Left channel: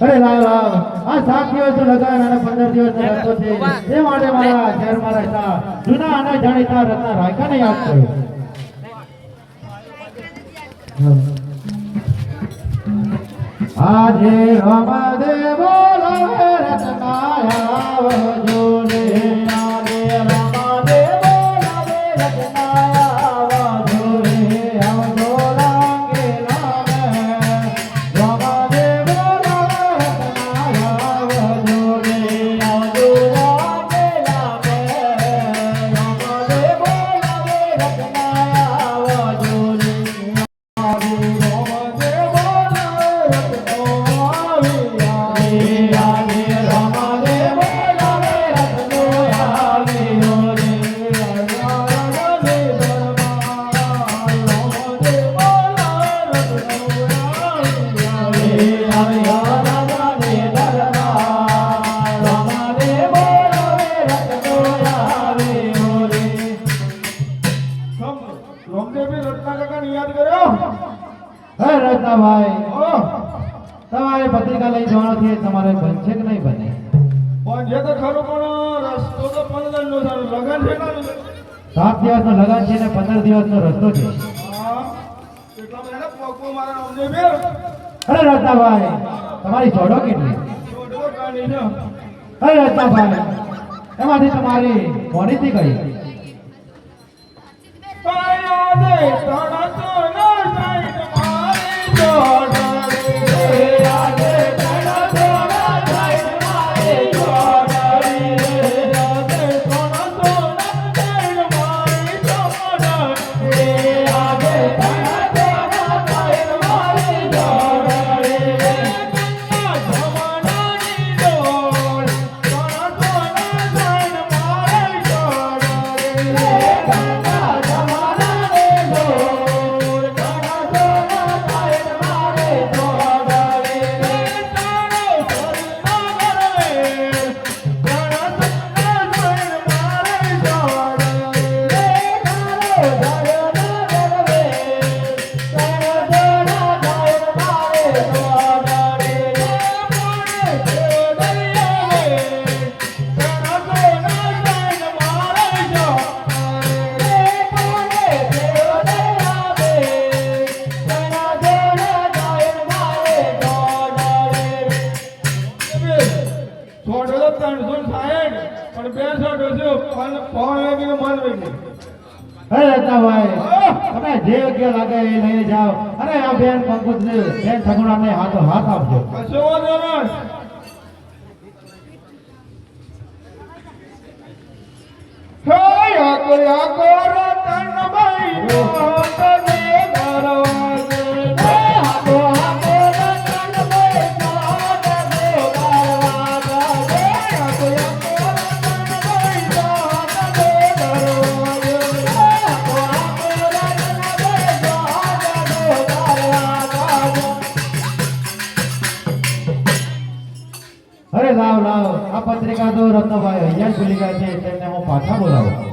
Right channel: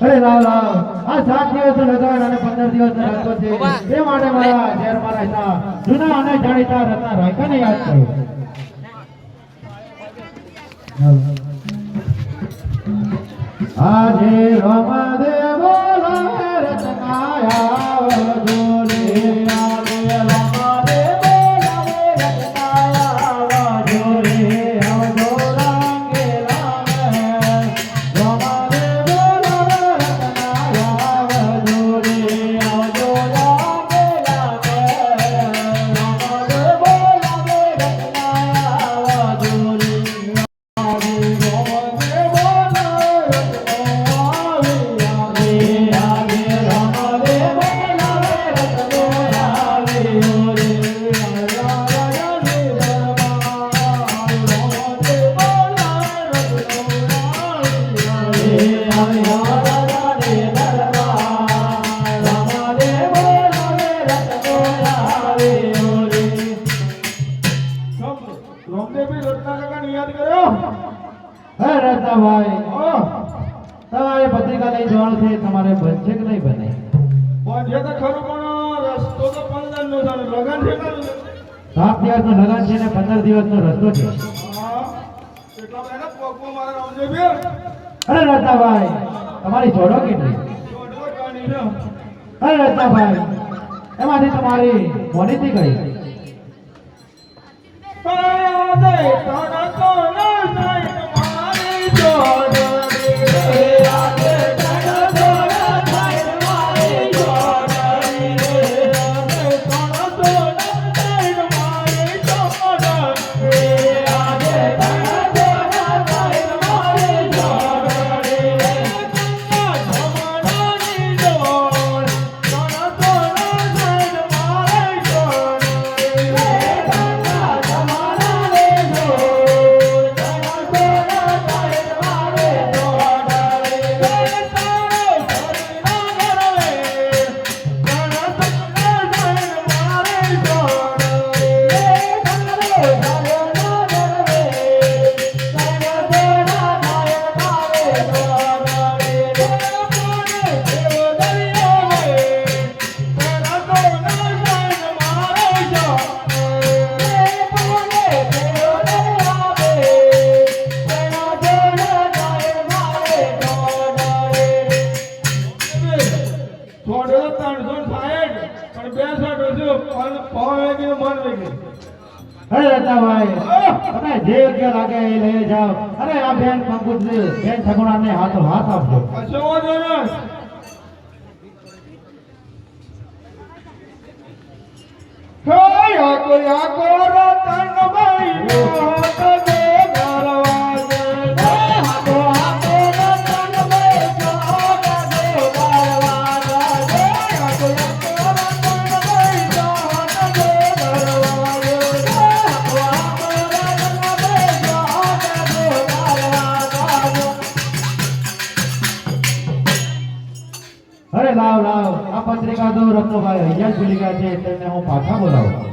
અરે લાવ લાવ. આ સાત દિવસ લગાડ અને પંદર દિવસ રસ્તો છે. એ માટે મારા શહેર મારા હતા જૂના અને જાણીતા રત્ન રાખ્યા ને યાદ કર્યો યાદ કર્યો હે રત્નાભાઈ તમારે પત્રિકા લઈ જવાનું છે તમારે બનશે કે નહીં બને? પણ જે તો ખરું પણ રસ્તો તો પંદર નો છે લગન છે ને દિવસ નો લગન છે ને પંદર દિવસનો રસ્તો છે. અરે રત્નાભાઈ તમારી જોડો કેટલી ને અરે રત્નાભાઈ એમાંથી તમારી મોનીતી કઈ प्राण तो સાઠ અને બે સાઠ હશે પણ પાવન વેગી મન વેગી તમે જે યોગ્ય લાગે એ લઈ જાઓ અને આ બેન પંકુજ બેન સગુણાને હાથો આપજો કશો વાંધો નહીં કયા કોયા કોરો તનભાઈ મોત ગયા છે તેમને હું પાછા બોલાવું.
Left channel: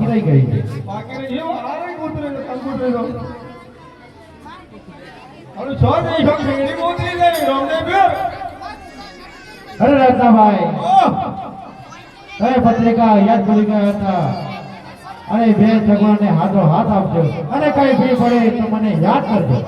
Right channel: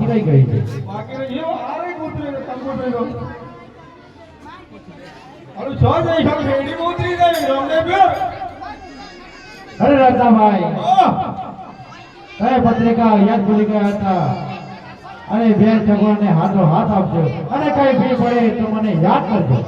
ફોર્મ બાકી રહી ગઈ. છે અરે રત્નાભાઈ અરે પત્રિકા યાદ ભૂલી ગયા હતા. અને બેન ભગવાનને હાથો હાથ આપજો. અને કઈ ફી પડે તો મને યાદ કરજો.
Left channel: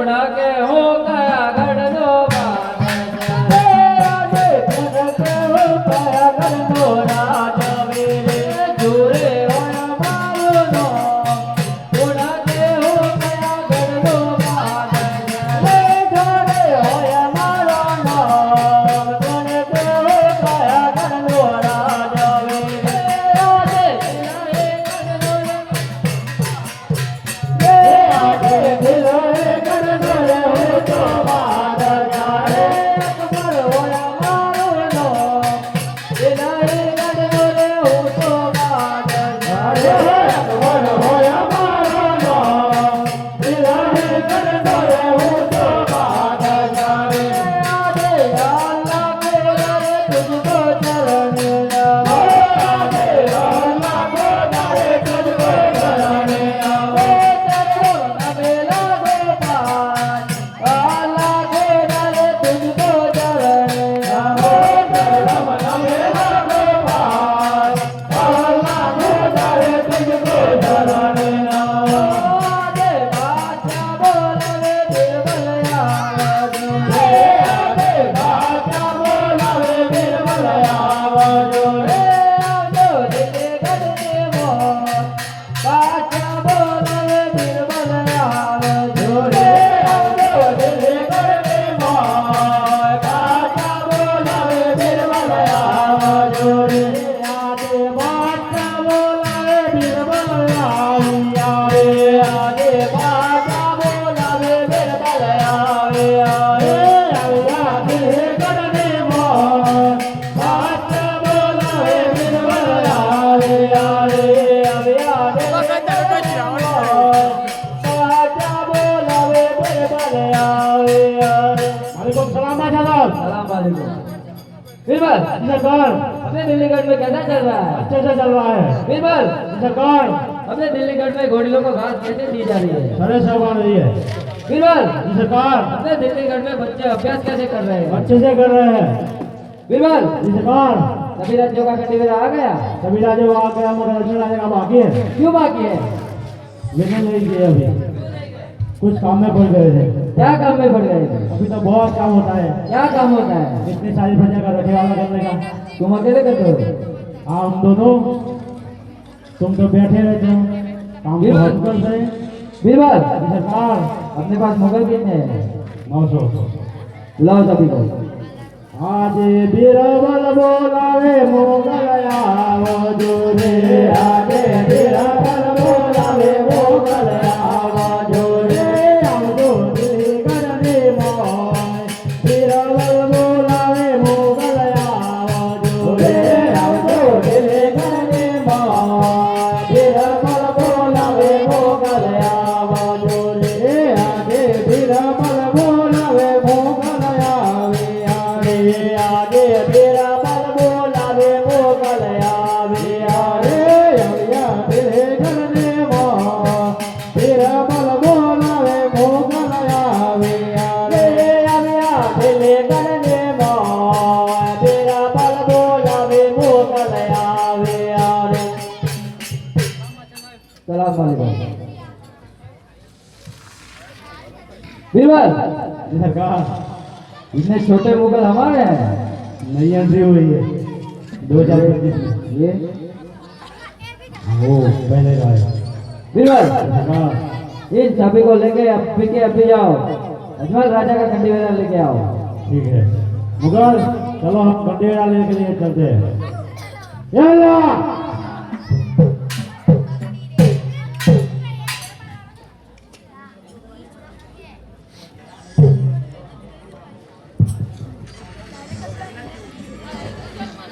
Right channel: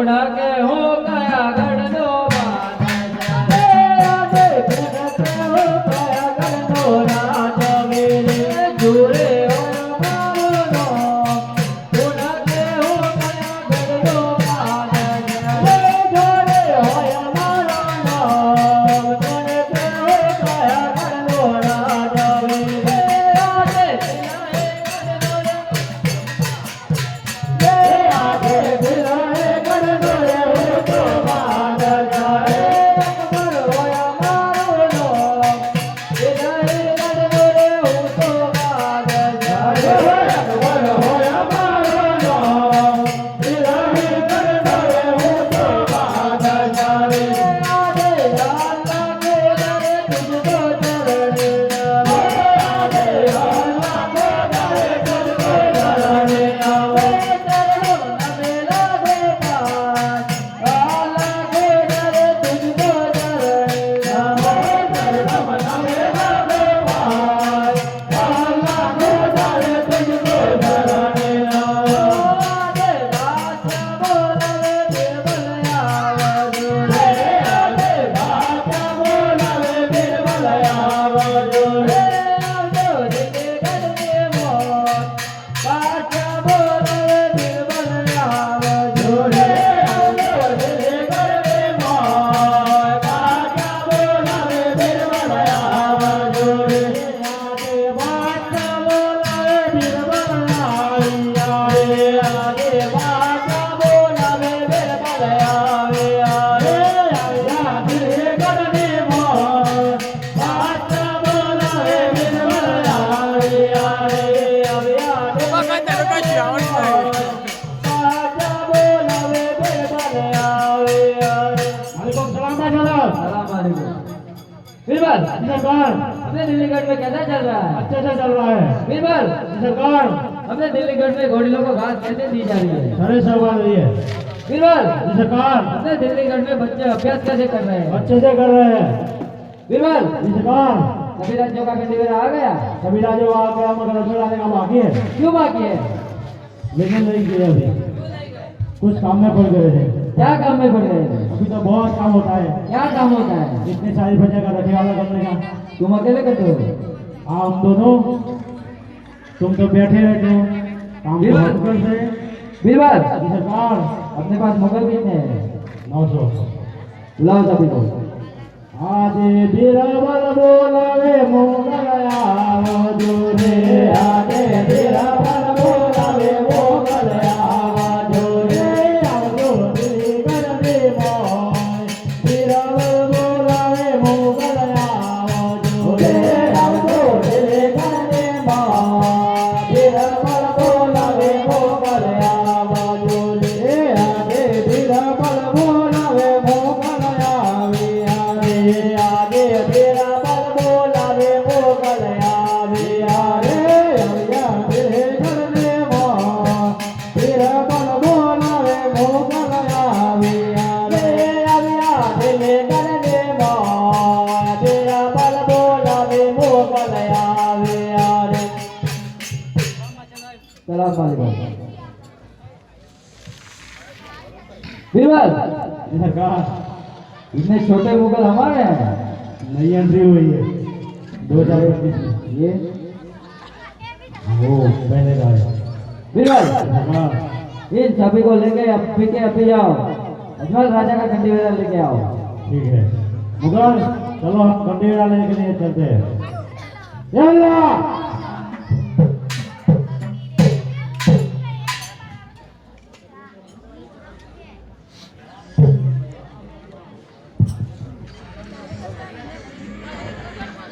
ಗುಣಗೆ सरकार। अपने दिल्लीगढ़ में कैसा चल रहा है। अच्छे से चल रहा है। बीरबल सरकार। अपने दिल्लीगढ़ में घोड़ियों को घास कैसे दी जा रही है? अरे आ रही है। बीरबल सरकार। अपने दिल्लीगढ़ में बच्चे अभ्यास कैसे कर रहे हैं? अच्छे से कर रहे हैं। बीरबल सरकार। सभी राज्यों का कैंडिडेट आ गया? सभी राज्यों आ गए मगर अच्छे राज्य का बाकी है। क्यों बाकी है? लेकिन नहीं किए अभी। कुछ काम में पड़ गए थे। क्या काम में पड़ गए? अभी तो बहुत काम होता है। क्या काम होता है? इतनी सारी प्रजा का रखवाला करने का। तुम अकेले करते हो? आप दोनों। तुम तो बैठे रहते हो। काम तो करते हैं। बीरबल सरकार। अपने पास मुगल कितने हैं। नौ सौ। बुलाओ सभी को। आज बीरबल बोलावे मोगलया वजो रे आज बीरबल बोलावे मोगलया बीरबल सरकार इतने छोटे मुगल हमारे हैं। नई एंट्री हुई है। दो हज़ार पच्चीस ये? वो पहले का है बीरबल इन सभी को लेके अब पीके अभी जाओ। अजमल राजा का कंडी लेके आओ। ठीक है। मुगल, चलो, हम गंडेरा लेने के लिए चलते हैं!